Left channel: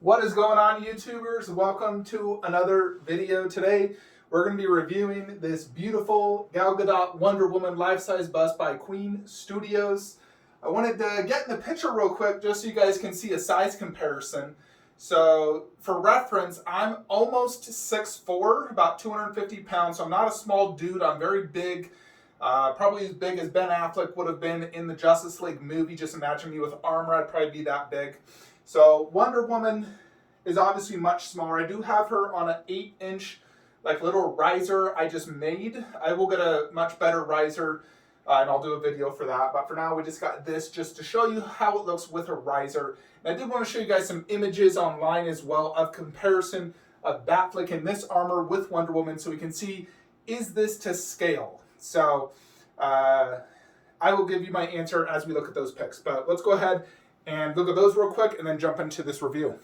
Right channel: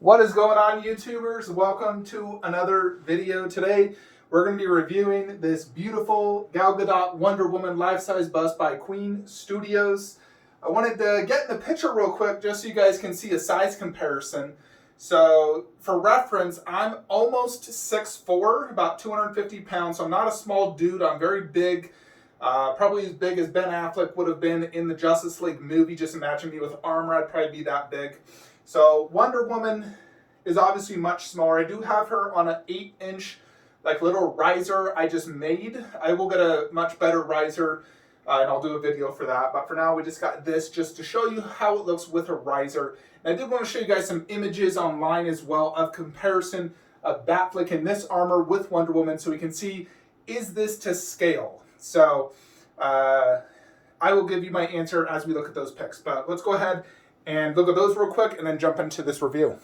What is going on, YouTubers? Welcome to another video. Today we're going to be reviewing this beautiful Gal Gadot Wonder Woman life-size bust by Queen Studios. I wanted to get in the picture real quick just so you guys can see a size comparison. So for reference, I'm almost 6'4", about 250 pounds, so I'm not a small dude. I'm very big, probably as big as Ben Affleck would have been in the Justice League movie. Just imagine me with armor, I'd probably be that big. So Wonder Woman is obviously much smaller. I do have her on an 8-inch like little riser I just made. I will get a much better riser and I'll do a video for that. But for now, we just got this just to show you how it looks with a riser. And I did want to show you guys some images online as well of comparison of Batfleck in this armor with Wonder Woman so we can see, is this to scale? So I will give you my answer as we look at those pics. But let's go ahead and look at those real quick and then jump into this review.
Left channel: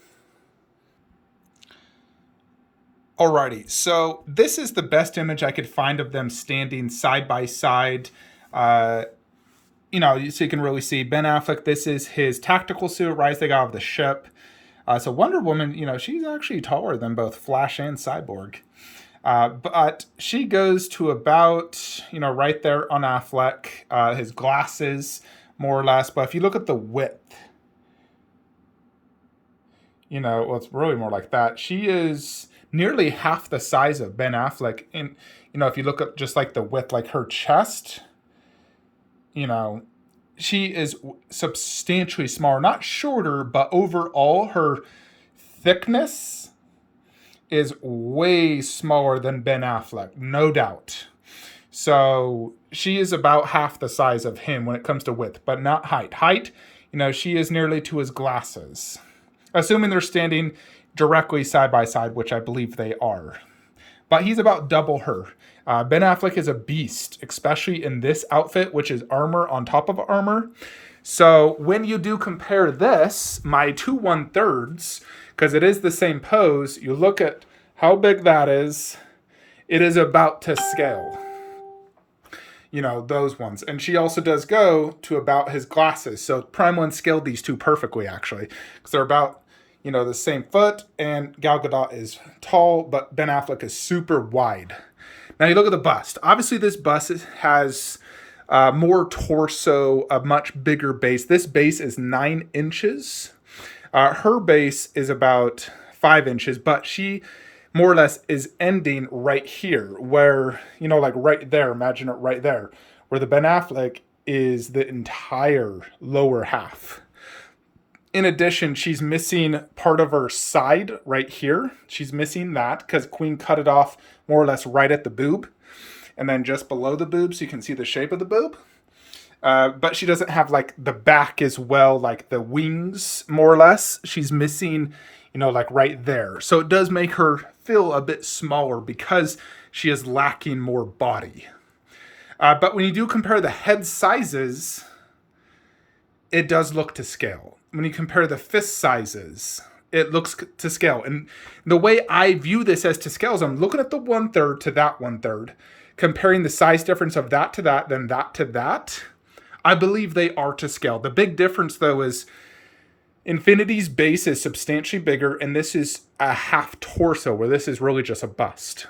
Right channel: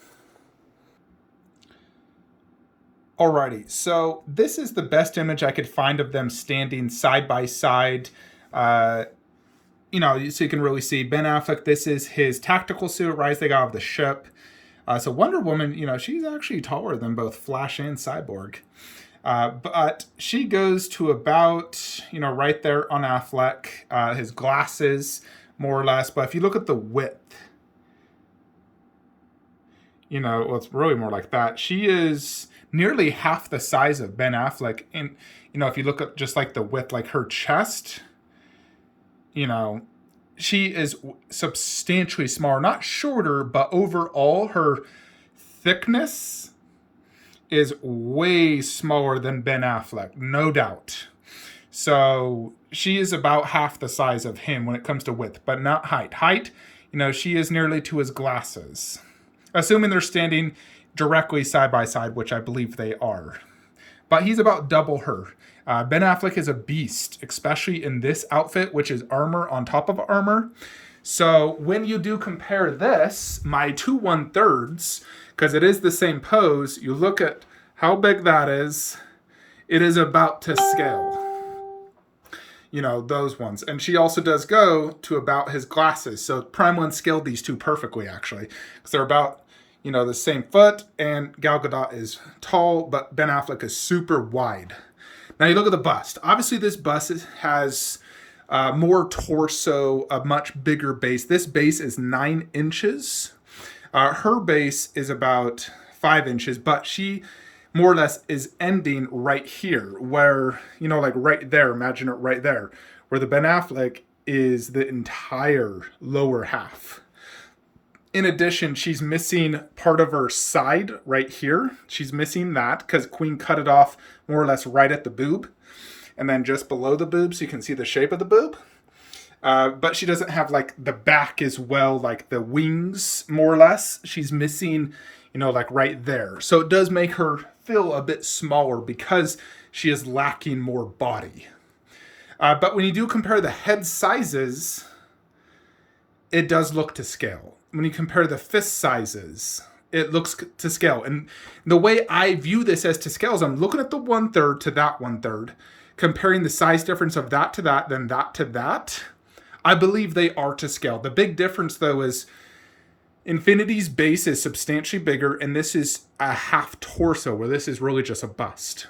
Alrighty, so this is the best image I could find of them standing side by side. So you can really see Ben Affleck. This is his tactical suit, rising out of the ship. So Wonder Woman, she's actually taller than both Flash and Cyborg. But she goes to about, right there on Affleck, his glasses, more or less. But if you look at the width, well, it's really more like that. She is nearly half the size of Ben Affleck. And, if you look at just like the width, like her chest, she is substantially smaller, not shorter, but overall her thickness is way smaller than Ben Affleck, no doubt. So she is about half the size of him when it comes to width, but not height. Height, she is nearly to his glasses. Assuming they're standing directly side by side, which I believe they are. But he's about double her. Ben Affleck is a beast, especially in this outfit, which is armor on top of armor. So when you do compare this, my 2 1/3, because it is the same pose, you look at how big that is, it is about to scale. Those ones. And she also does go to about his glasses. So Prime 1 scaled these two perfectly, actually, because they're about, the same foot, and Gal Gadot is tall, but Ben Affleck is super wide. Now you look at the bust. Obviously, this bust has more torso, a much bigger base. This base is 9 inches. Her base is about 5 inches, but she more or less is ending right here, where, like right there, imagine it right there, where the Ben Affleck is the entire lower half. In addition, she's missing part of her side right here. She's missing that because Queen cut it off more or less right at the boob. And then just below the boob, so you can see the shape of the boob. But she doesn't have like the back as well, like the wings, more or less. She's missing, like right there. So it does make her feel a bit smaller because she is lacking more body. But when you do compare the head sizes, it does look to scale. When you compare the fist sizes, it looks to scale. And the way I view this as to scale is I'm looking at the 1/3 to that 1/3, comparing the size difference of that to that, then that to that. I believe they are to scale. The big difference, though, is Infinity's base is substantially bigger, and this is a half torso, where this is really just a bust.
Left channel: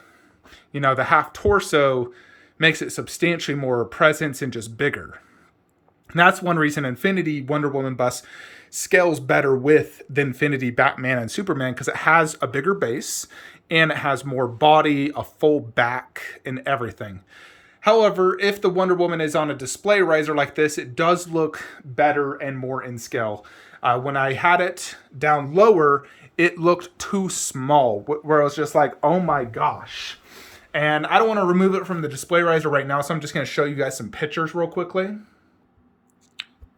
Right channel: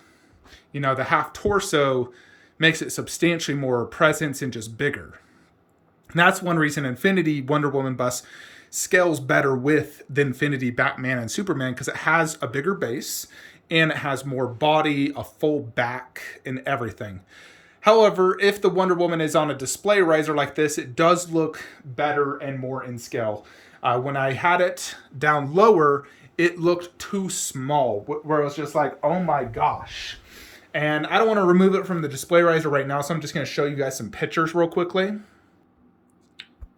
The half torso makes it substantially more presence and just bigger. And that's one reason Infinity Wonder Woman bust scales better with the Infinity Batman and Superman, because it has a bigger base and it has more body, a full back, and everything. However, if the Wonder Woman is on a display riser like this, it does look better and more in scale. When I had it down lower, it looked too small, where I was just like, oh my gosh. And I don't want to remove it from the display riser right now, so I'm just going to show you guys some pictures real quickly.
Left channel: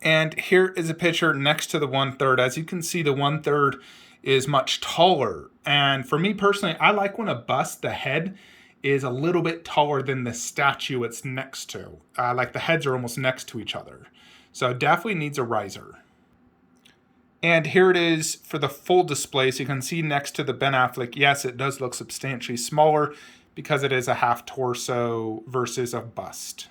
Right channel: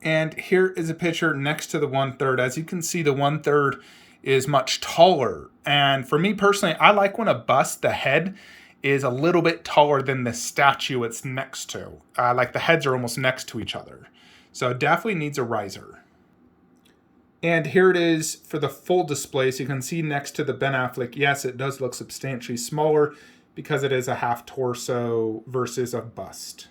And here is a picture next to the 1/3. As you can see, the 1/3 is much taller. And for me personally, I like when a bust, the head, is a little bit taller than the statue it's next to. Like the heads are almost next to each other. So it definitely needs a riser. And here it is for the full display. So you can see next to the Ben Affleck, yes, it does look substantially smaller because it is a half torso versus a bust.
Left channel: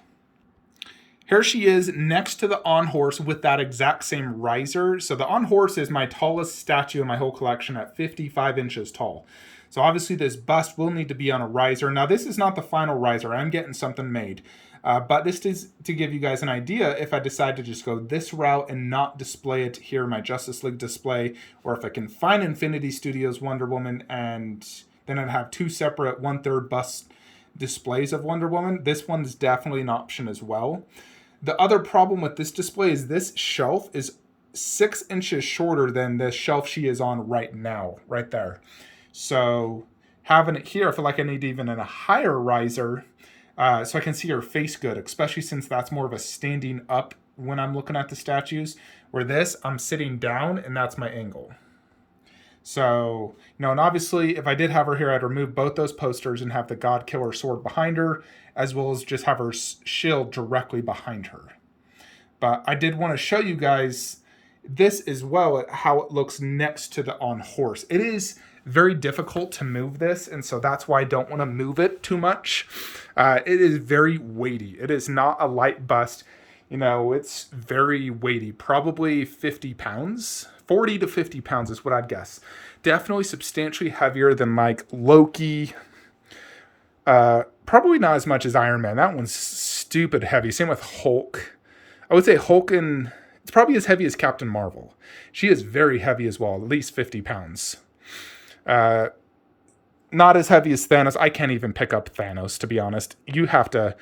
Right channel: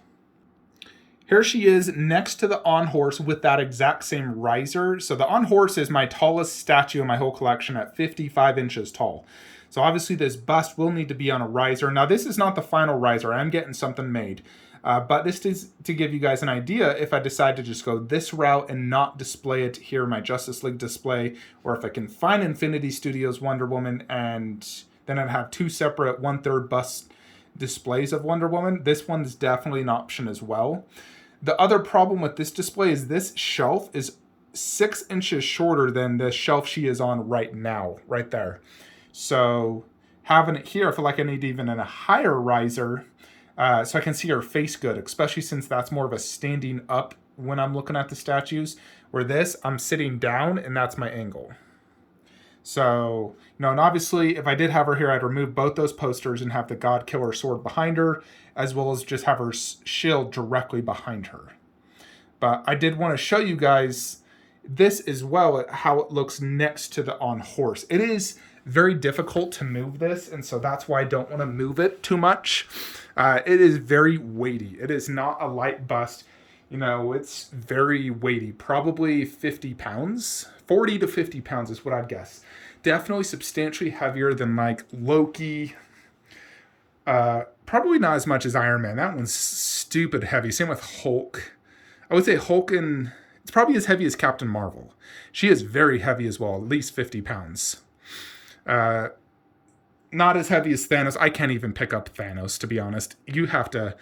Here she is next to the On Horse with that exact same riser. So the On Horse is my tallest statue in my whole collection at 55 inches tall. So obviously this bust will need to be on a riser. Now this is not the final riser. I'm getting something made. But this is to give you guys an idea if I decide to just go this route and not display it here in my Justice League display, or if I can find Infinity Studios Wonder Woman and then I'd have two separate 1/3 bust displays of Wonder Woman. This one is definitely an option as well. The other problem with this display is this shelf is 6 inches shorter than the shelf she is on right now, right there. So having it here, I feel like I need even a higher riser so I can see her face good, especially since that's more of a standing up when I'm looking at the statues, where this, I'm sitting down and that's my angle. So, you know, and obviously if I did have her here, I'd remove both those posters and have the God-Killer sword behind her, as well as just have her shield directly behind her. But I did want to show you guys this as well, how it looks next to the On Horse. It is very difficult to move this, and so that's why I don't want to move it too much. It is very weighty. It is not a light bust. You know, it's very weighty, probably 50 pounds. 40 to 50 pounds is what I'd guess. Definitely substantially heavier than like Loki. Probably not as much as Iron Man. That one's stupid heavy. Same with Hulk. I would say Hulk, and it's probably as heavy as Captain Marvel. She is very heavy as well, at least 50 pounds. Not as heavy as Thanos. I can't even pick up Thanos, to be honest. You have to,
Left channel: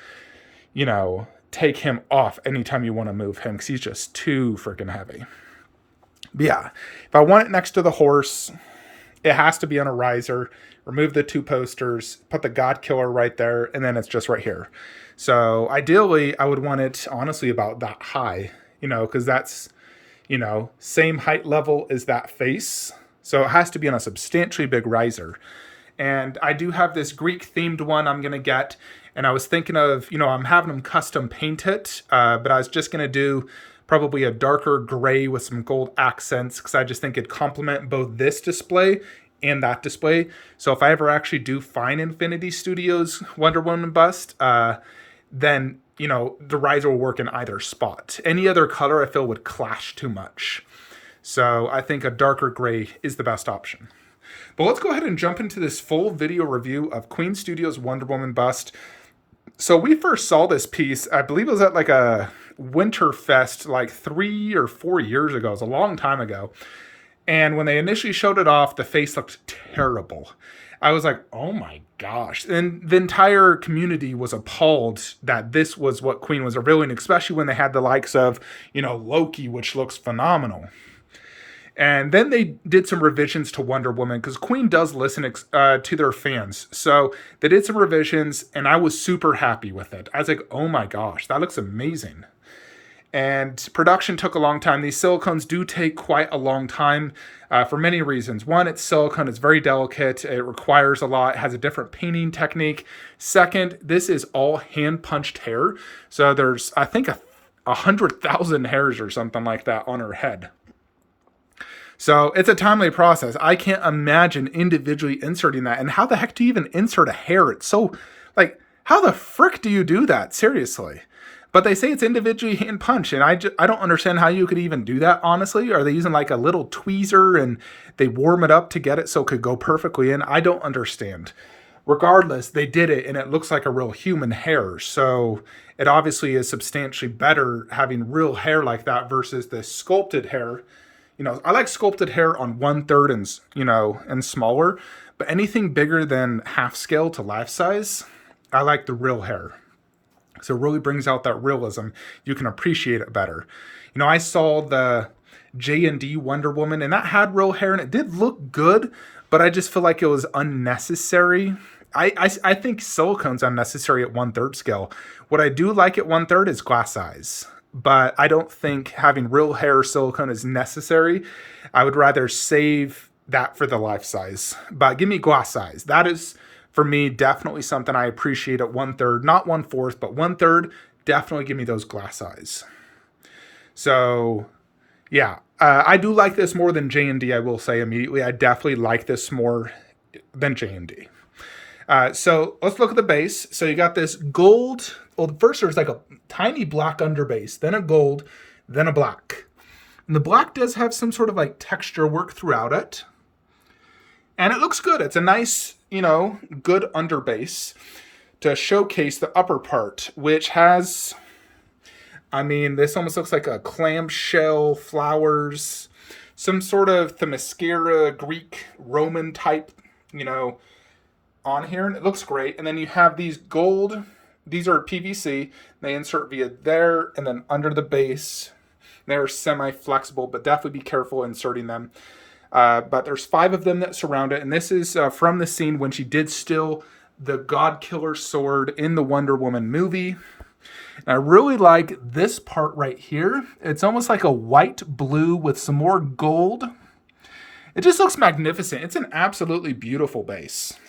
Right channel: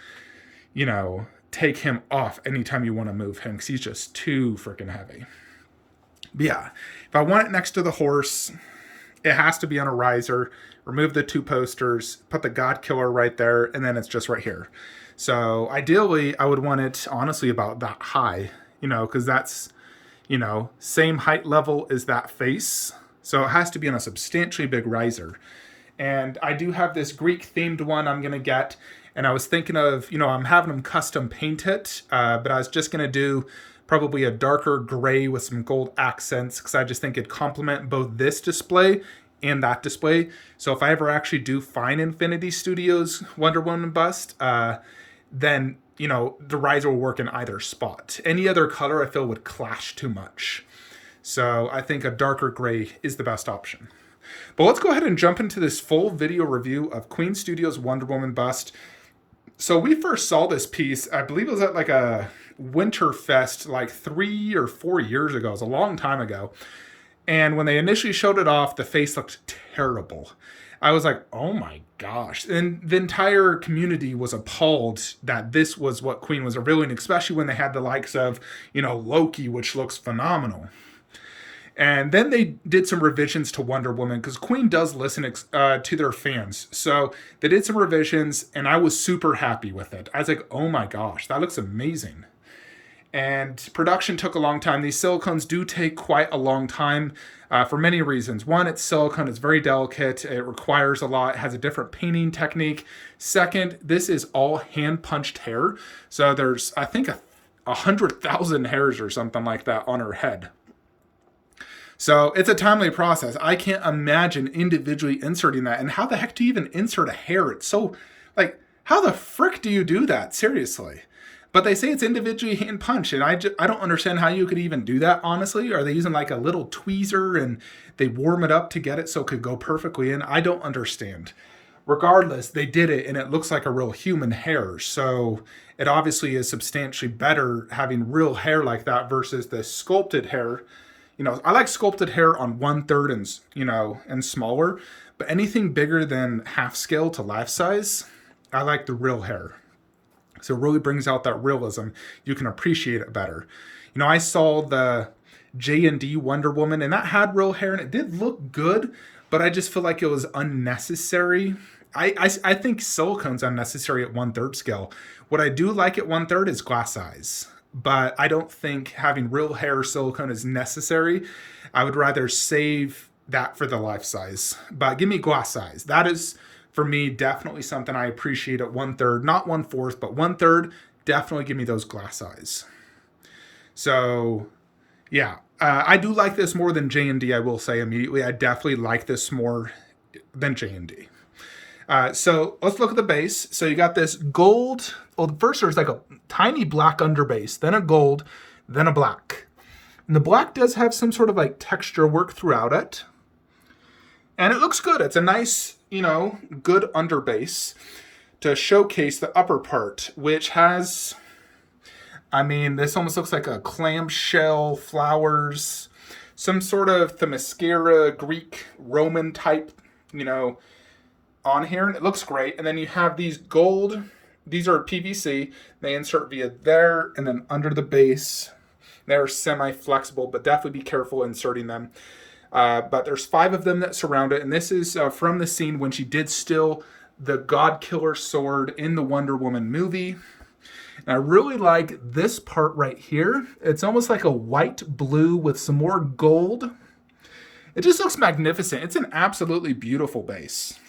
you know, take him off anytime you want to move him because he's just too freaking heavy. But yeah, if I want it next to the horse, it has to be on a riser. Remove the two posters, put the God-Killer right there, and then it's just right here. So ideally, I would want it, honestly, about that high, you know, because that's, you know, same height level as that face. So it has to be on a substantially big riser. And I do have this Greek-themed one I'm going to get. And I was thinking of, you know, I'm having them custom paint it. But I was just going to do probably a darker gray with some gold accents, because I just think it'd complement both this display and that display. So if I ever actually do find Infinity Studios Wonder Woman bust, then, you know, the riser will work in either spot. Any other color I feel would clash too much. So I think a darker gray is the best option. But let's go ahead and jump into this full video review of Queen Studios Wonder Woman bust. So we first saw this piece, I believe it was at like a Winterfest like 3 or 4 years ago. It was a long time ago. And when they initially showed it off, the face looked terrible. I was like, oh my gosh. And the entire community was appalled that this was what Queen was revealing, especially when they had the likes of, you know, Loki, which looks phenomenal. And then they did some revisions to Wonder Woman, because Queen does listen to their fans. So they did some revisions, and I was super happy with it. I was like, oh my gosh, that looks amazing. And production took a long time. These silicones do take quite a long time for many reasons. One, it's silicone. It's very delicate. It requires a lot. It has a different painting technique. Second, this is all hand-punched hair. So there's, I think, 100,000 hairs or something like that on her head. So it's a timely process. I can't imagine individually inserting that. And how the heck do you even insert a hair? It's so, like, how the frick do you do that? Seriously. But they say it's individually hand punched, and I don't understand how you could even do that, honestly. Are they using like a little tweezer and they warm it up to get it so it could go perfectly in? I don't understand. Regardless, they did it, and it looks like a real human hair. So it obviously is substantially better having real hair like that versus the sculpted hair. You know, I like sculpted hair on 1/3 and, you know, and smaller, but anything bigger than half scale to life size, I like the real hair. So it really brings out that realism. You can appreciate it better. You know, I saw the J&D Wonder Woman, and that had real hair, and it did look good, but I just feel like it was unnecessary. I think silicone's unnecessary at 1/3 scale. What I do like at 1/3 is glass size. But I don't think having real hair silicone is necessary. I would rather save that for the life size. But give me glass size. That is, for me, definitely something I appreciate at 1/3. Not 1/4, but 1/3. Definitely give me those glass size. So, yeah. I do like this more than J&D, I will say immediately. I definitely like this more than J&D. So let's look at the base. So you got this gold. Well, first there's like a tiny black underbase, then a gold, then a black. And the black does have some sort of like texture work throughout it. And it looks good. It's a nice, you know, good underbase to showcase the upper part, which has, I mean, this almost looks like a clamshell, flowers, some sort of Themyscira, Greek, Roman type, you know, on here. And it looks great. And then you have these gold, these are PVC. They insert via there and then under the base. They're semi-flexible, but definitely be careful inserting them. But there's 5 of them that surround it. And this is from the scene when she did steal the God Killer sword in the Wonder Woman movie. And I really like this part right here. It's almost like a white blue with some more gold. It just looks magnificent. It's an absolutely beautiful base.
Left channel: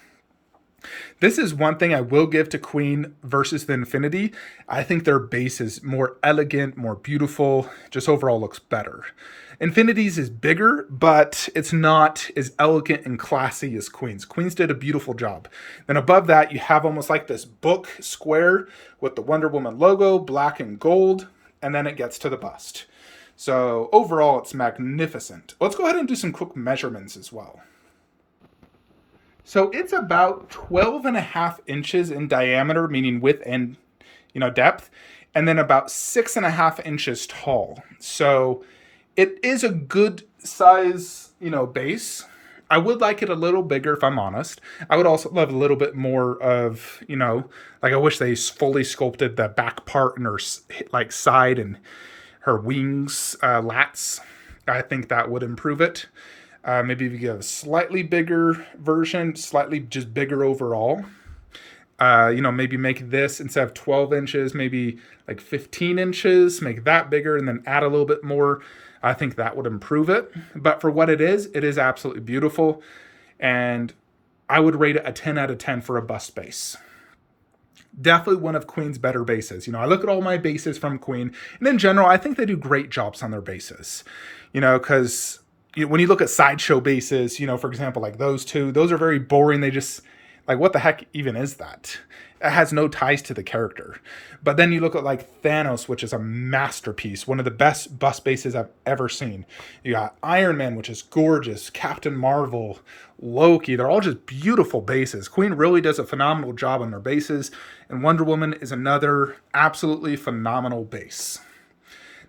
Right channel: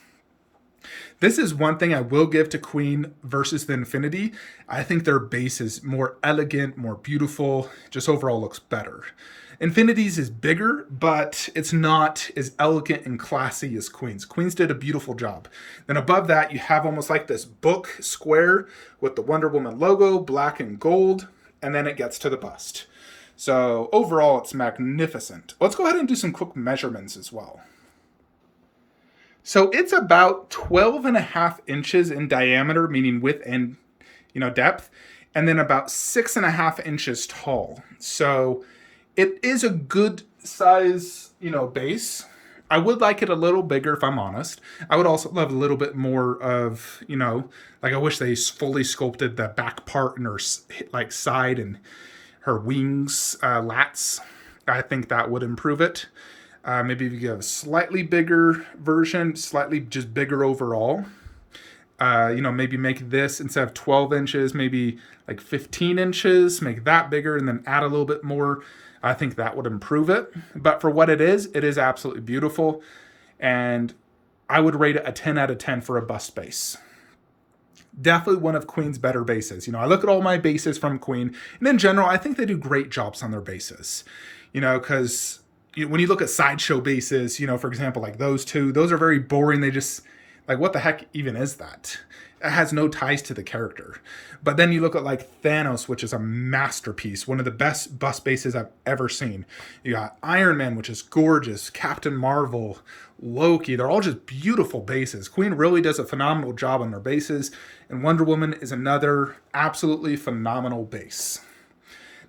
This is one thing I will give to Queen versus the Infinity. I think their base is more elegant, more beautiful, just overall looks better. Infinity's is bigger, but it's not as elegant and classy as Queen's. Queen's did a beautiful job. Then above that, you have almost like this book square with the Wonder Woman logo, black and gold, and then it gets to the bust. So overall, it's magnificent. Let's go ahead and do some quick measurements as well. So it's about 12.5 inches in diameter, meaning width and, you know, depth, and then about 6.5 inches tall. So it is a good size, you know, base. I would like it a little bigger if I'm honest. I would also love a little bit more of, you know, like I wish they fully sculpted the back part and her like side and her wings, lats. I think that would improve it. Maybe if you get a slightly bigger version, slightly just bigger overall. You know, maybe make this instead of 12 inches, maybe like 15 inches, make that bigger and then add a little bit more. I think that would improve it. But for what it is absolutely beautiful. And I would rate it a 10 out of 10 for a bust base. Definitely one of Queen's better bases. You know, I look at all my bases from Queen, and in general, I think they do great jobs on their bases. You know, because when you look at sideshow bases, you know, for example, like those two, those are very boring. They just, like, what the heck even is that? It has no ties to the character. But then you look at like Thanos, which is a masterpiece, one of the best bust bases I've ever seen. You got Iron Man, which is gorgeous, Captain Marvel, Loki, they're all just beautiful bases. Queen really does a phenomenal job on their bases, and Wonder Woman is another absolutely phenomenal base.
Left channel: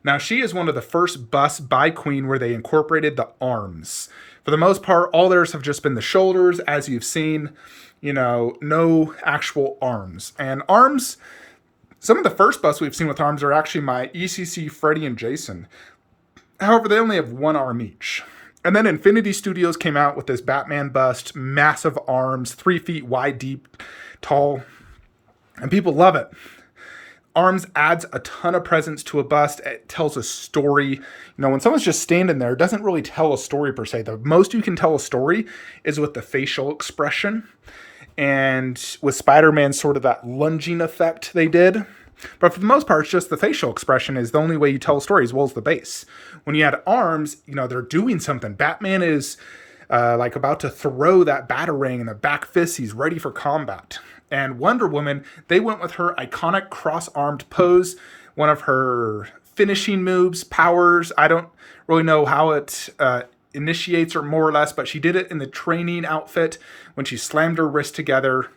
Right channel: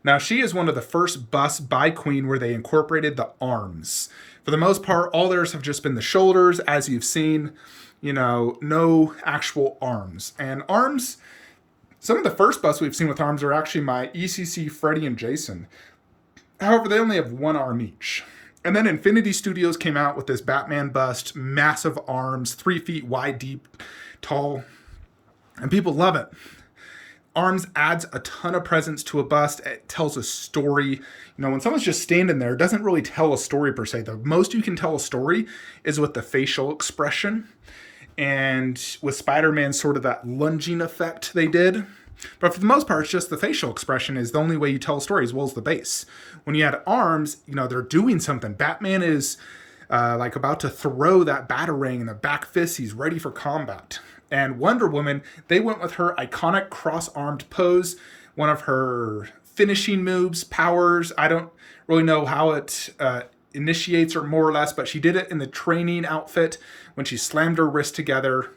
Now, she is one of the first busts by Queen where they incorporated the arms. For the most part, all theirs have just been the shoulders, as you've seen, you know, no actual arms. And arms, some of the first busts we've seen with arms are actually my 𝗷𝗵𝗲𝗀𝗃, Freddy, and Jason. However, they only have one arm each. And then Infinity Studios came out with this Batman bust, massive arms, 3 feet wide, deep, tall, and people love it. Arms adds a ton of presence to a bust. It tells a story. You know, when someone's just standing there, it doesn't really tell a story per se. The most you can tell a story is with the facial expression. And with Spider-Man, sort of that lunging effect they did. But for the most part, it's just the facial expression is the only way you tell a story, as well as the base. When you add arms, you know, they're doing something. Batman is like about to throw that batarang in the back fist. He's ready for combat. And Wonder Woman, they went with her iconic cross-armed pose, one of her finishing moves, powers. I don't really know how it initiates or more or less, but she did it in the training outfit when she slammed her wrists together.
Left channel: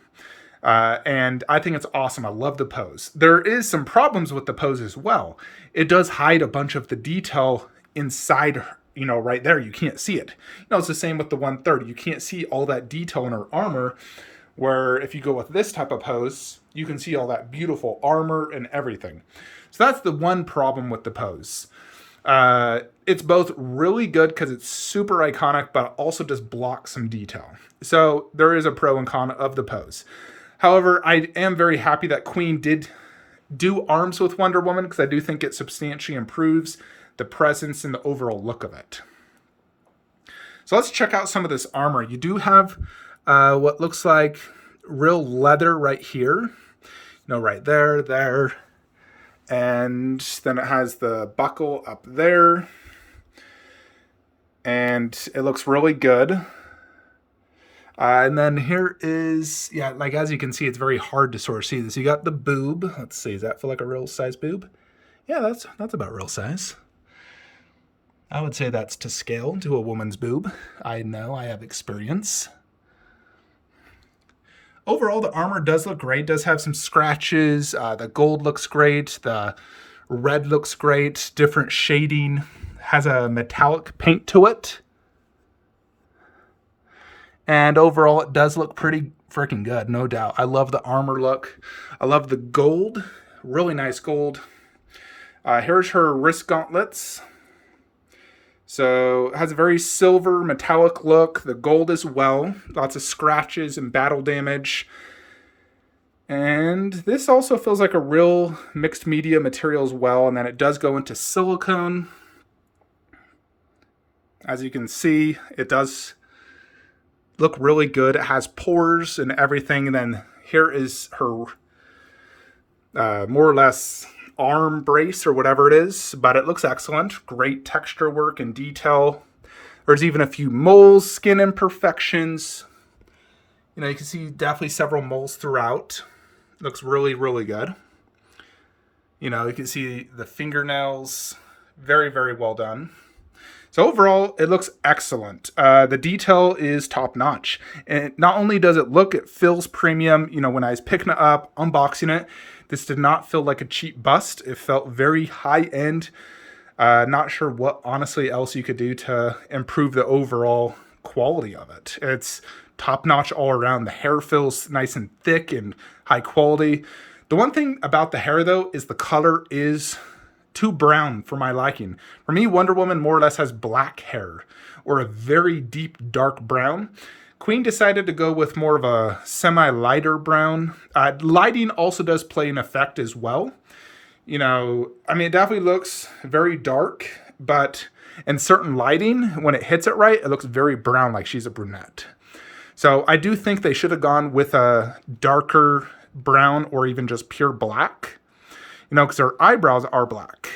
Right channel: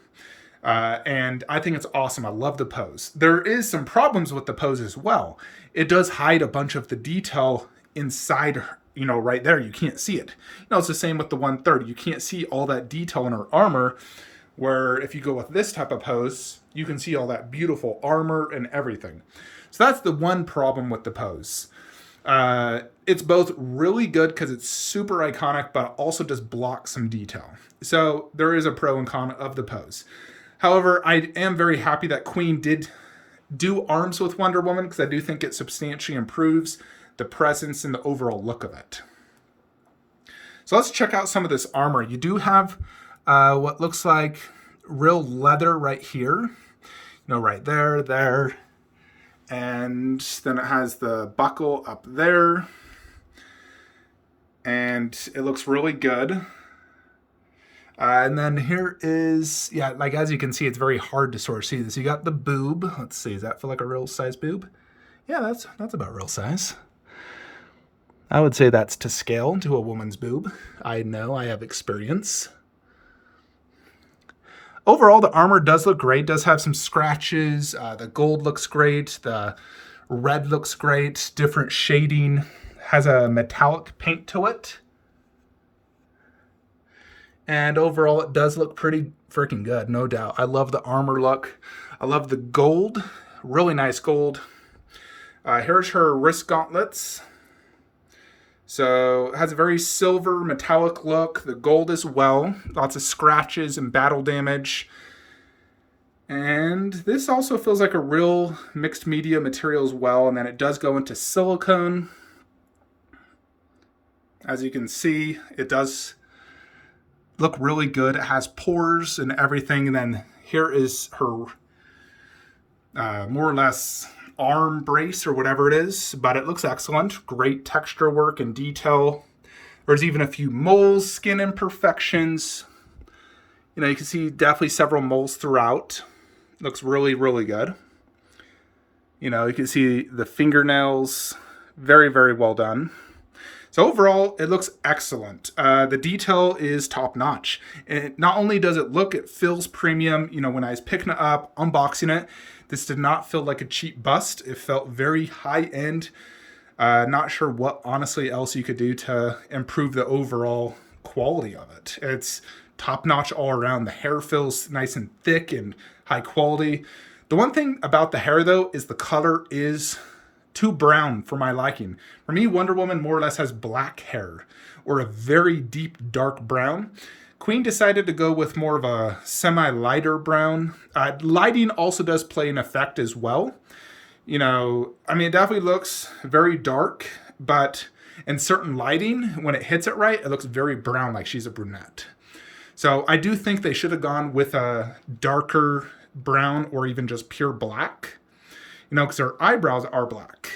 And I think it's awesome. I love the pose. There is some problems with the pose as well. It does hide a bunch of the detail inside her, you know, right there. You can't see it. You know, it's the same with the 130. You can't see all that detail in her armor, where if you go with this type of pose, you can see all that beautiful armor and everything. So that's the one problem with the pose. It's both really good because it's super iconic, but also just blocks some detail. So there is a pro and con of the pose. However, I am very happy that Queen did do arms with Wonder Woman, because I do think it substantially improves the presence and the overall look of it. So let's check out some of this armor. You do have what looks like real leather right here. You know, right there. And then it has the buckle up there. And it looks really good. And then here is, yeah, like as you can see, it's very hard to sort of see this. You got the boob. Let's see, does that feel like a real size boob? Yeah, that's about real size. I would say that's to scale to a woman's boob. I know, I have experience. Overall, the armor does look great. Does have some scratches. The gold looks great. The red looks great. Different shading. Has a metallic paint to it. And overall, it does look pretty freaking good, no doubt. I love the armor look. I love the gold. Really nice gold. Here's her wrist gauntlets. So it has a very silver metallic look. The gold as well. Lots of scratches and battle damage. And this also feels like a real mixed media material as well. And then it does go into silicone. As you can see, it does look really good. It has pores and everything. And then here is her more or less arm brace or whatever it is, but it looks excellent. Great texture work and detail. There's even a few moles, skin imperfections. You know, you can see definitely several moles throughout. Looks really, really good. You know, you can see the fingernails. Very, very well done. So overall, it looks excellent. The detail is top notch. And not only does it look, it feels premium. You know, when I was picking it up, unboxing it, this did not feel like a cheap bust. It felt very high end. Not sure what honestly else you could do to improve the overall quality of it. It's top notch all around. The hair feels nice and thick and high quality. The one thing about the hair though is the color is too brown for my liking. For me, Wonder Woman more or less has black hair or a very deep dark brown. Queen decided to go with more of a semi-lighter brown. Lighting also does play an effect as well. You know, I mean, it definitely looks very dark, but in certain lighting, when it hits it right, it looks very brown, like she's a brunette. So I do think they should have gone with a darker brown or even just pure black. You know, because her eyebrows are black.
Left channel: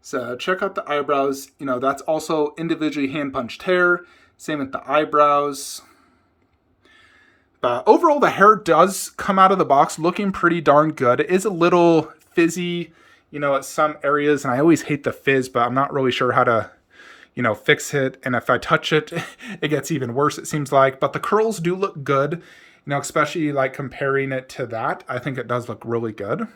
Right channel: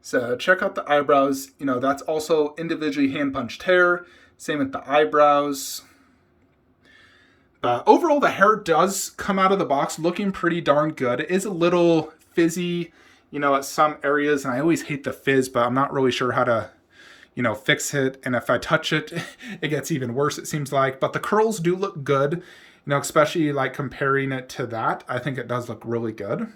So check out the eyebrows. You know, that's also individually hand-punched hair. Same with the eyebrows. But overall, the hair does come out of the box looking pretty darn good. It is a little fizzy, you know, at some areas. And I always hate the fizz, but I'm not really sure how to, you know, fix it. And if I touch it, it gets even worse, it seems like. But the curls do look good, you know, especially like comparing it to that. I think it does look really good.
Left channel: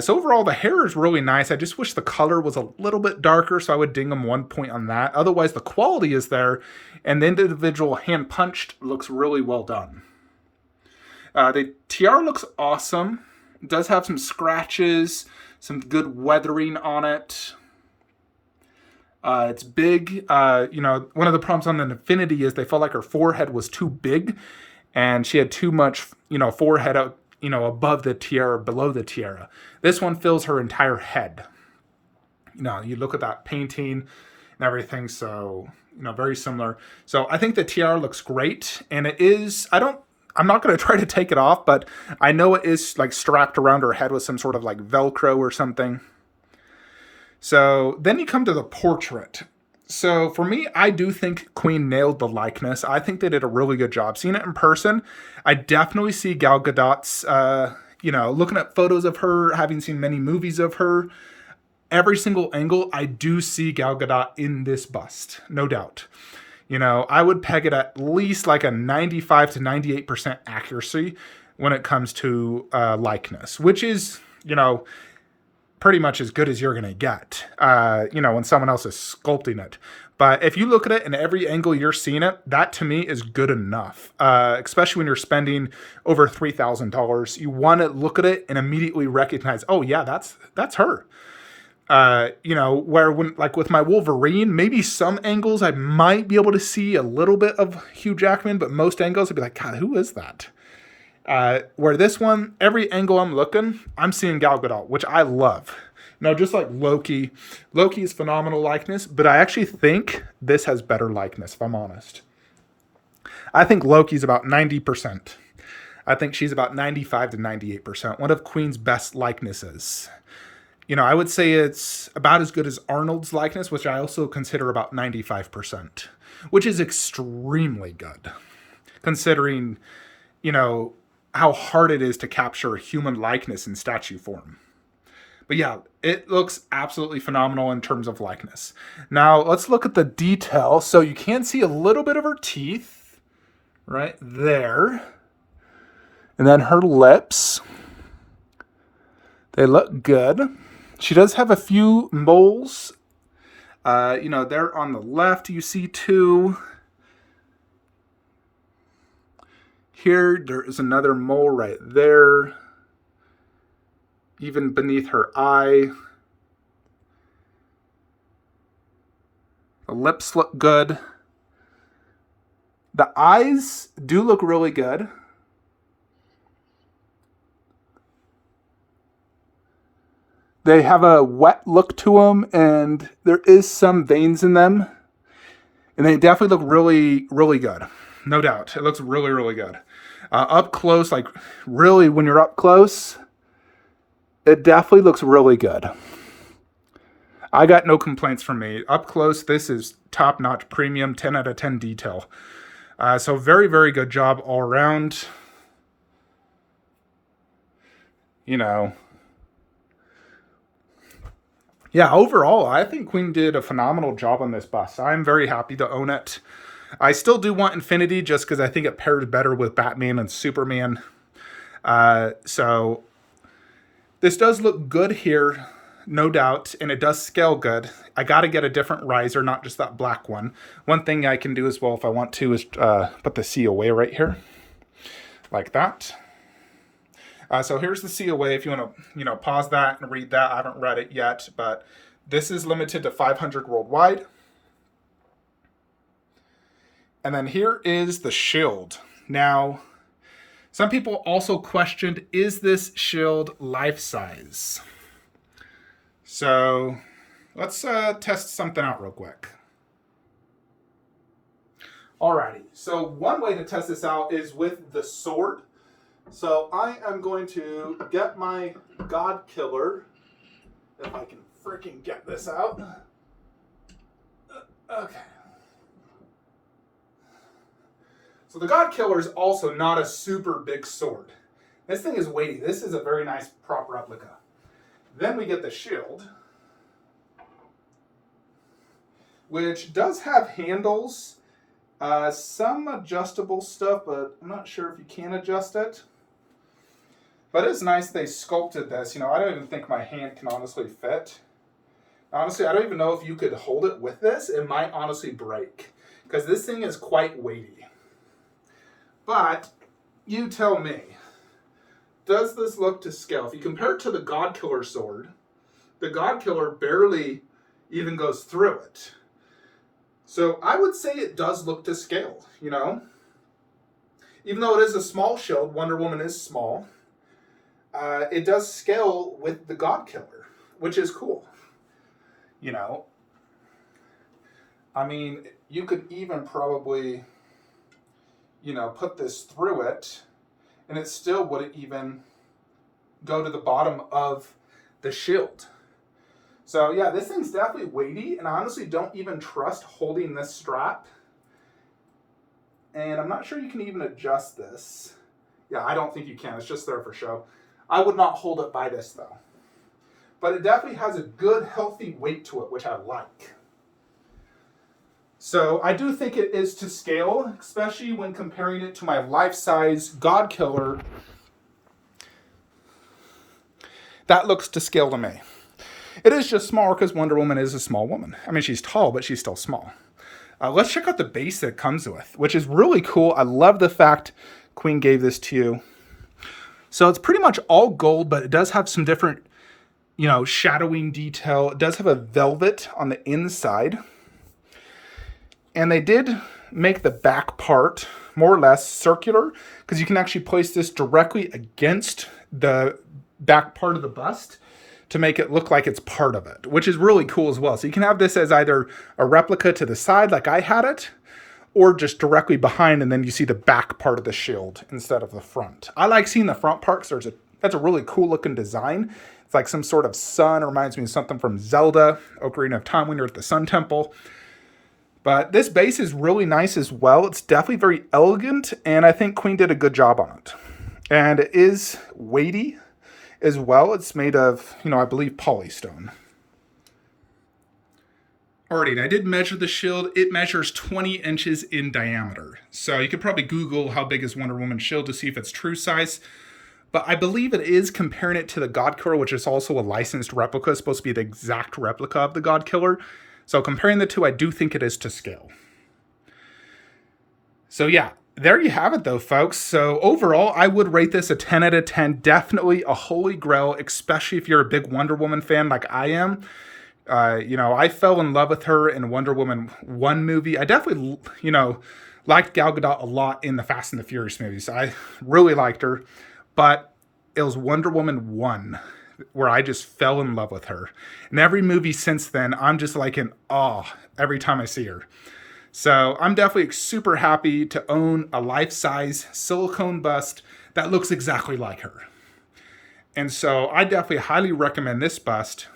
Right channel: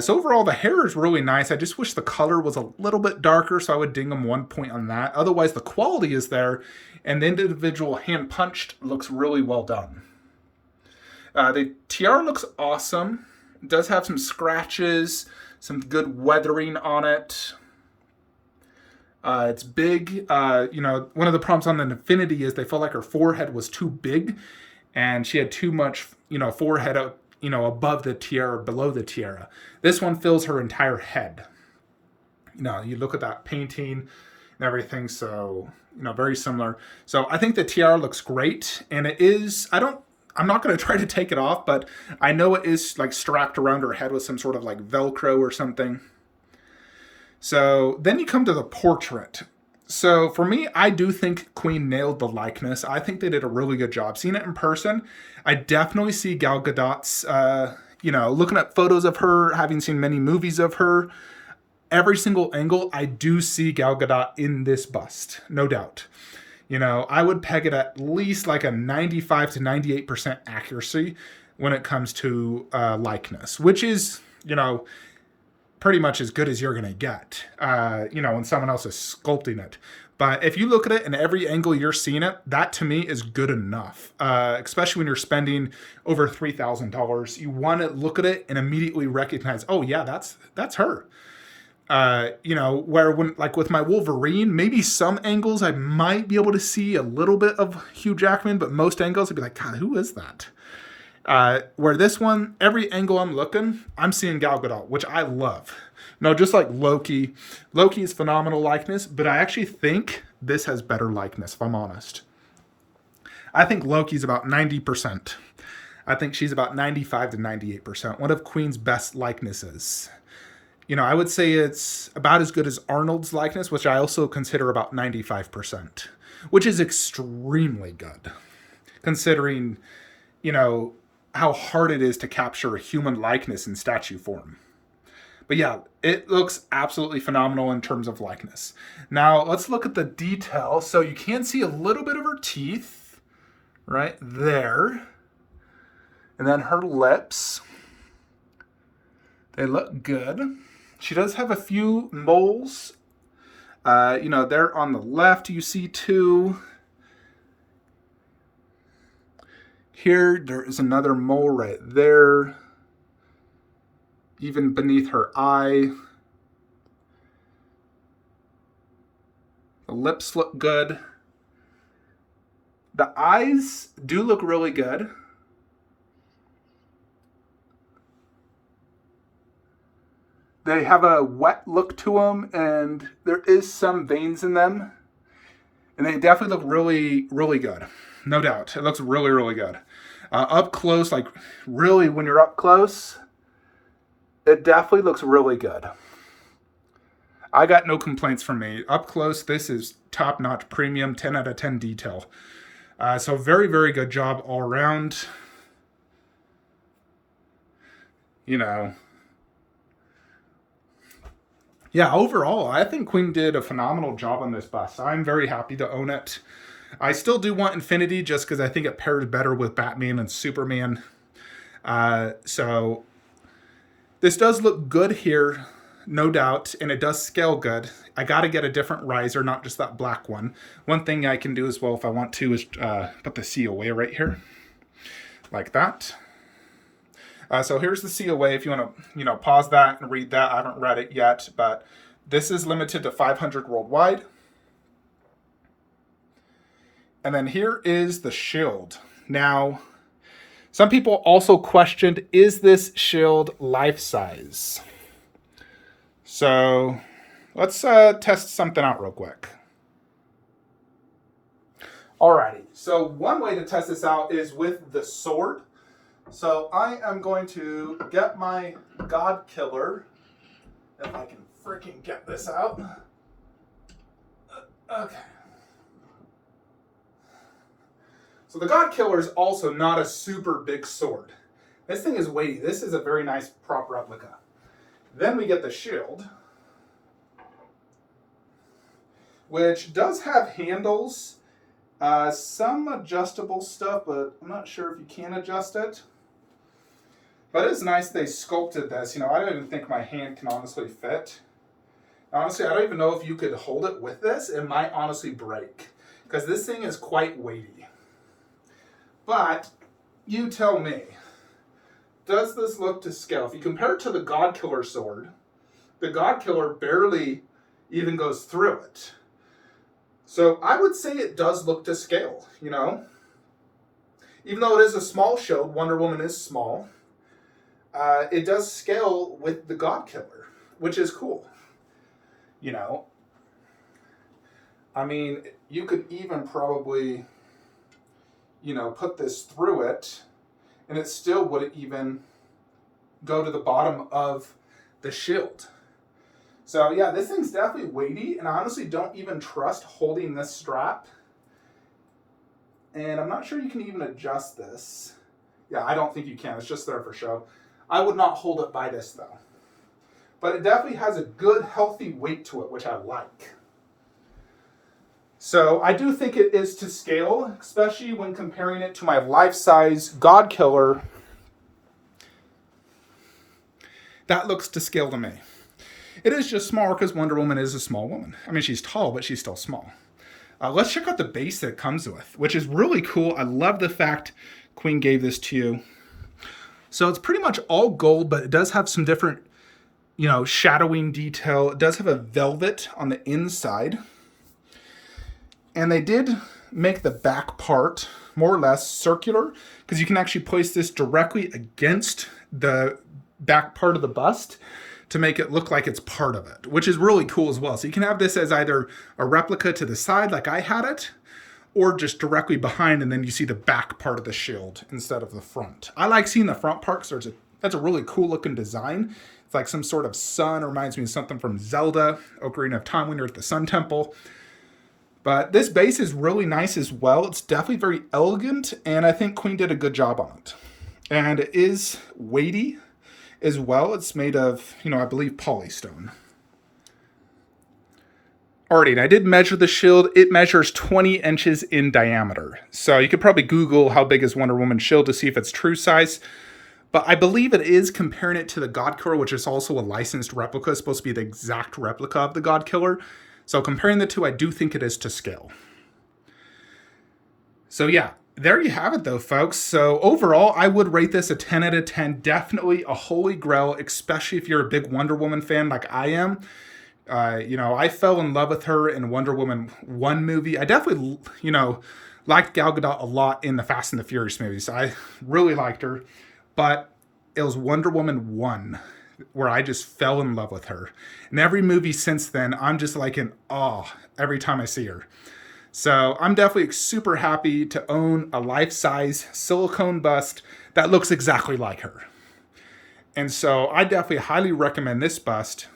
So overall, the hair is really nice. I just wish the color was a little bit darker, so I would ding them 1 point on that. Otherwise, the quality is there, and the individual hand-punched looks really well done. The tiara looks awesome. It does have some scratches, some good weathering on it. It's big. You know, one of the problems on an Infinity is they felt like her forehead was too big, and she had too much, you know, forehead out, you know, above the tiara, below the tiara. This one fills her entire head. You know, you look at that painting and everything, so, you know, very similar. So I think the tiara looks great, and it is, I'm not going to try to take it off, but I know it is like strapped around her head with some sort of like Velcro or something. So then you come to the portrait. So for me, I do think Queen nailed the likeness. I think they did a really good job. Seeing it in person, I definitely see Gal Gadot's, you know, looking at photos of her, having seen many movies of her, every single angle, I do see Gal Gadot in this bust, no doubt. You know, I would peg it at least like a 95 to 98% accuracy when it comes to likeness, which is, you know, pretty much as good as you're going to get, you know, when someone else is sculpting it. But if you look at it in every angle you're seeing it, that to me is good enough, especially when you're spending over $3,000. You want to look at it and immediately recognize, oh yeah, that's her. You know, where when, like with my Wolverine, maybe some angles I might be able to see a little bit of Hugh Jackman, but most angles I'd be like, God, who is that? Where this one, every angle I'm looking, I'm seeing Gal Gadot, which I love. No, just like Loki. Loki is phenomenal likeness, but I actually think this has better likeness, if I'm honest. I think Loki's about 90%. I think she's about 95 to 98%. One of Queen's best likenesses. You know, I would say it's about as good as Arnold's likeness, which I also consider about 95%, which is extremely good, considering, you know, how hard it is to capture a human likeness in statue form. But yeah, it looks absolutely phenomenal in terms of likeness. Now, let's look at the detail. So you can see a little bit of her teeth right there. And then her lips. They look good. She does have a few moles. You know, there on the left, you see two. Here, there is another mole right there. Even beneath her eye. The lips look good. The eyes do look really good. They have a wet look to them, and there is some veins in them. And they definitely look really, really good. No doubt. It looks really, really good. Up close, like really when you're up close, it definitely looks really good. I got no complaints from me. Up close, this is top-notch premium, 10 out of 10 detail. So very, very good job all around. You know. Yeah, overall, I think Queen did a phenomenal job on this bust. I'm very happy to own it. I still do want Infinity just because I think it pairs better with Batman and Superman. So this does look good here, no doubt, and it does scale good. I got to get a different riser, not just that black one. One thing I can do as well if I want to is put the COA right here, like that. So here's the COA if you want to, you know, pause that and read that. I haven't read it yet, but this is limited to 500 worldwide. And then here is the shield. Now, some people also questioned, is this shield life-size? So let's test something out real quick. Alrighty, so one way to test this out is with the sword. So I am going to get my God Killer, if I can freaking get this out. Okay. So the God Killer is also not a super big sword. This thing is weighty. This is a very nice prop replica. Then we get the shield, which does have handles, some adjustable stuff, but I'm not sure if you can adjust it. But it's nice they sculpted this. You know, I don't even think my hand can honestly fit. Honestly, I don't even know if you could hold it with this. It might honestly break, because this thing is quite weighty. But you tell me, does this look to scale? If you compare it to the God Killer sword, the God Killer barely even goes through it. So I would say it does look to scale, you know? Even though it is a small shield, Wonder Woman is small, it does scale with the God Killer, which is cool. You know? I mean, you could even probably, you know, put this through it, and it still wouldn't even go to the bottom of the shield. So yeah, this thing's definitely weighty, and I honestly don't even trust holding this strap. And I'm not sure you can even adjust this. Yeah, I don't think you can. It's just there for show. I would not hold it by this though. But it definitely has a good, healthy weight to it, which I like. So I do think it is to scale, especially when comparing it to my life-size God Killer. That looks to scale to me. It is just smaller because Wonder Woman is a small woman. I mean, she's tall, but she's still small. Let's check out the base it comes with, which is really cool. I love the fact Queen gave this to you. So it's pretty much all gold, but it does have some different, you know, shadowing detail. It does have a velvet on the inside. And they did make the back part more or less circular, because you can actually place this directly against the back part of the bust to make it look like it's part of it, which is really cool as well. So you can have this as either a replica to the side like I had it, or just directly behind, and then you see the back part of the shield instead of the front. I like seeing the front part because that's a really cool looking design. It's like some sort of sun. It reminds me of something from Zelda, Ocarina of Time when you're at the Sun Temple. But this base is really nice as well. It's definitely very elegant, and I think Queen did a good job on it. And it is weighty as well. It's made of, I believe polystone. Alrighty, and I did measure the shield. It measures 20 inches in diameter. So you could probably Google how big is Wonder Woman's shield to see if it's true size. But I believe it is comparing it to the God Killer, which is also a licensed replica. It's supposed to be the exact replica of the God Killer. So comparing the two, I do think it is to scale. So yeah, there you have it though, folks. So overall, I would rate this a 10 out of 10. Definitely a holy grail, especially if you're a big Wonder Woman fan like I am. I fell in love with her in Wonder Woman 1 movie. I definitely, liked Gal Gadot a lot in the Fast and the Furious movies. I really liked her. But it was Wonder Woman 1 where I just fell in love with her. And every movie since then, I'm just like in awe every time I see her. So I'm definitely super happy to own a life-size silicone bust that looks exactly like her. And so I definitely highly recommend this bust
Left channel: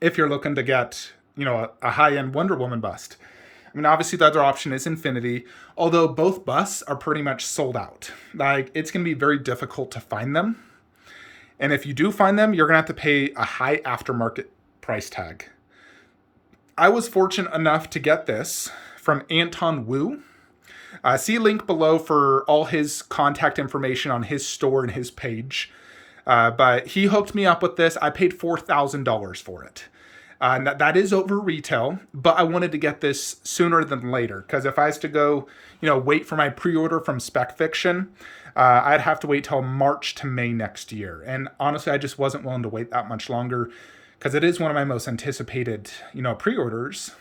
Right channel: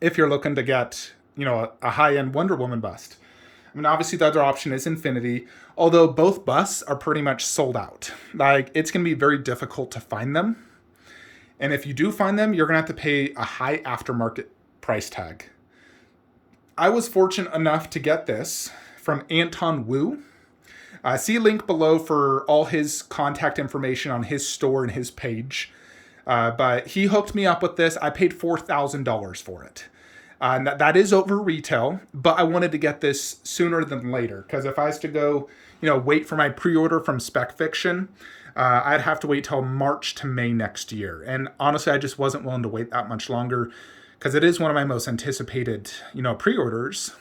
if you're looking to get, a high-end Wonder Woman bust. I mean, obviously the other option is Infinity, although both busts are pretty much sold out. Like, it's going to be very difficult to find them. And if you do find them, you're going to have to pay a high aftermarket price tag. I was fortunate enough to get this from Anton Wu. See a link below for all his contact information on his store and his page. But he hooked me up with this. I paid $4,000 for it. That is over retail, but I wanted to get this sooner than later. Because if I was to go, wait for my pre-order from Spec Fiction, I'd have to wait till March to May next year. And honestly, I just wasn't willing to wait that much longer because it is one of my most anticipated, pre-orders.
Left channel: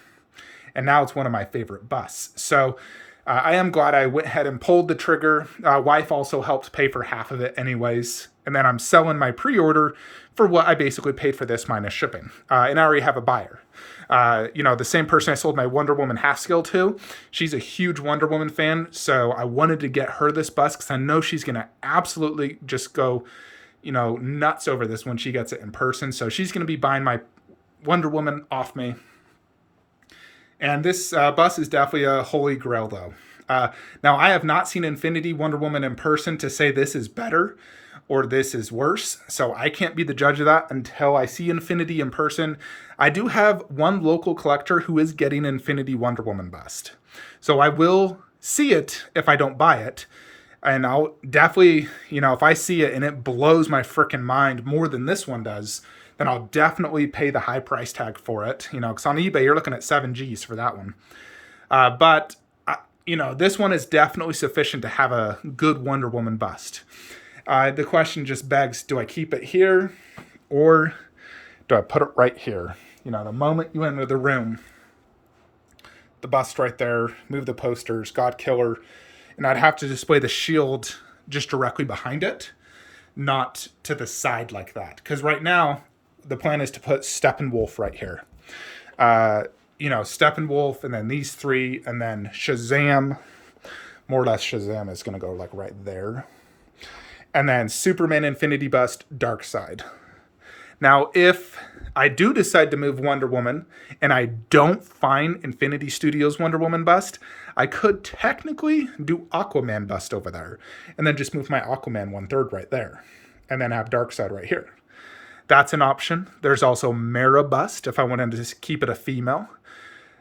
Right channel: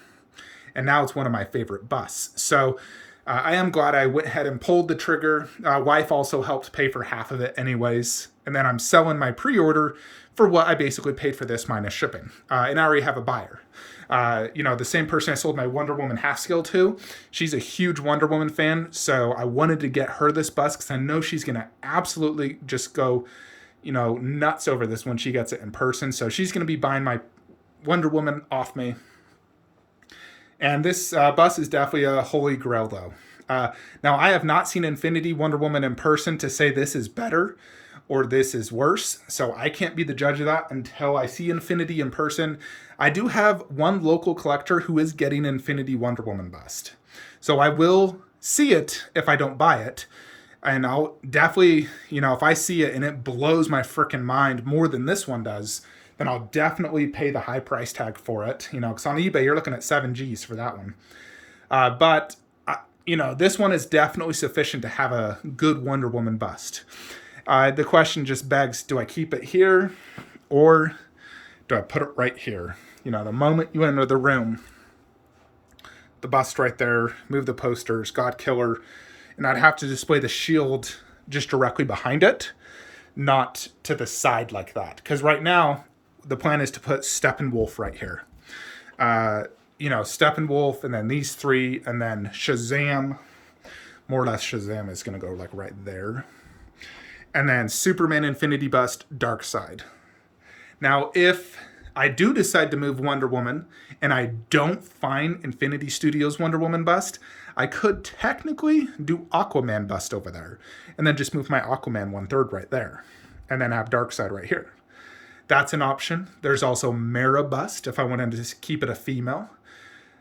And now it's one of my favorite busts. So I am glad I went ahead and pulled the trigger. Wife also helped pay for half of it anyways. And then I'm selling my pre-order for what I basically paid for this minus shipping. And I already have a buyer. The same person I sold my Wonder Woman Haskell to, she's a huge Wonder Woman fan. So I wanted to get her this bust because I know she's going to absolutely just go, nuts over this when she gets it in person. So she's going to be buying my Wonder Woman off me. And this bust is definitely a holy grail though. Now I have not seen Infinity Wonder Woman in person to say this is better or this is worse. So I can't be the judge of that until I see Infinity in person. I do have one local collector who is getting Infinity Wonder Woman bust. So I will see it if I don't buy it. And I'll definitely, if I see it and it blows my freaking mind more than this one does, then I'll definitely pay the high price tag for it. Because on eBay, you're looking at 7 Gs for that one. But this one is definitely sufficient to have a good Wonder Woman bust. The question just begs, do I keep it here or do I put it right here? The moment you enter the room, the bust right there, move the posters, God Killer, and I'd have to display the shield just directly behind it, not to the side like that. Because right now, the plan is to put Steppenwolf right here. Steppenwolf, and then these three, and then Shazam. More or less Shazam is going to go like right there. And then Superman Infinity Bust, 𝗪𝗏𝗏. Now, if I do decide to move Wonder Woman, and I don't find Infinity Studios Wonder Woman bust, I could technically do Aquaman bust over there. And then just move my Aquaman 1/3 right there. And then have 𝗪𝗏𝗏 right here. That's an option. There's also Mera bust if I wanted to just keep it a female.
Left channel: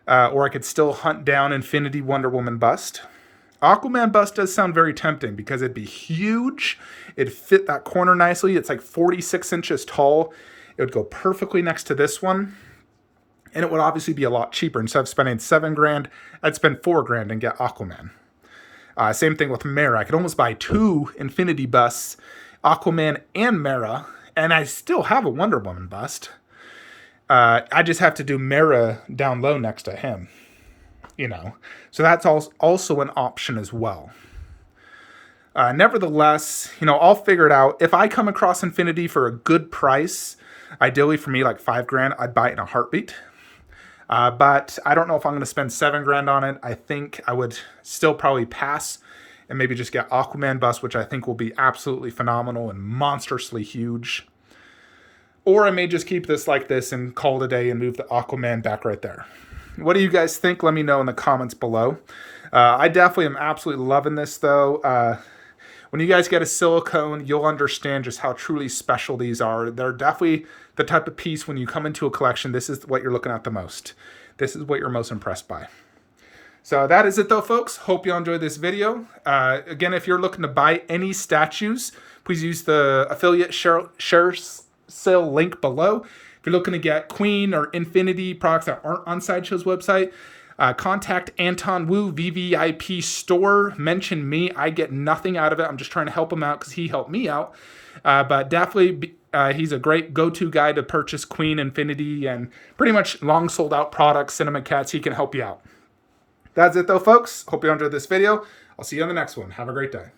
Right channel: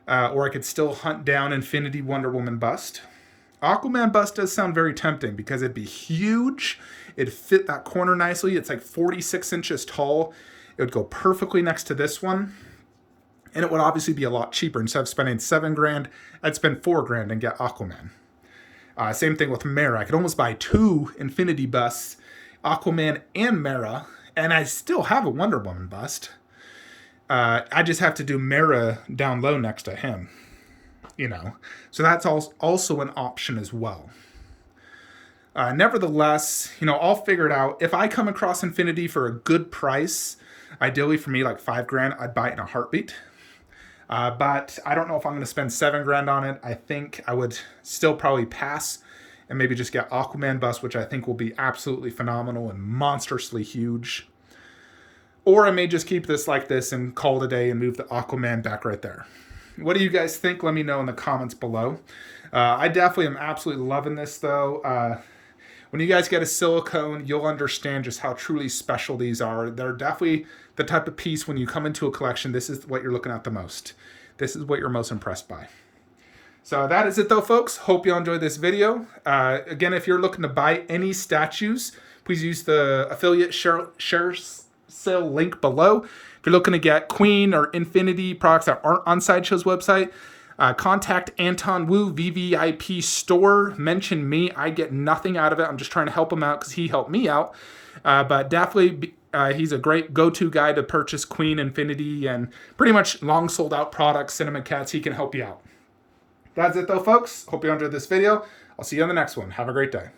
Or I could still hunt down Infinity Wonder Woman bust. Aquaman bust does sound very tempting because it'd be huge. It'd fit that corner nicely. It's like 46 inches tall. It would go perfectly next to this one. And it would obviously be a lot cheaper. Instead of spending $7,000, I'd spend $4,000 and get Aquaman. Same thing with Mera. I could almost buy 2 Infinity busts, Aquaman and Mera, and I still have a Wonder Woman bust. I just have to do Mera down low next to him. So that's also an option as well. Nevertheless, I'll figure it out. If I come across Infinity for a good price, ideally for me like $5,000, I'd buy it in a heartbeat. But I don't know if I'm going to spend $7,000 on it. I think I would still probably pass and maybe just get Aquaman bust, which I think will be absolutely phenomenal and monstrously huge. Or I may just keep this like this and call it a day and move the Aquaman back right there. What do you guys think? Let me know in the comments below. I definitely am absolutely loving this though. When you guys get a silicone, you'll understand just how truly special these are. They're definitely the type of piece when you come into a collection, this is what you're looking at the most. This is what you're most impressed by. So that is it though, folks. Hope you enjoyed this video. Again, if you're looking to buy any statues, please use the affiliate share sale link below. If you're looking to get Queen or Infinity products that aren't on Sideshow's website, contact Anton Wu, VVIP store. Mention me. I get nothing out of it. I'm just trying to help him out because he helped me out. But definitely, he's a great go-to guy to purchase Queen, Infinity, and pretty much long sold out products, Cinema Cats. He can help you out. That's it though, folks. Hope you enjoyed this video. I'll see you on the next one. Have a great day.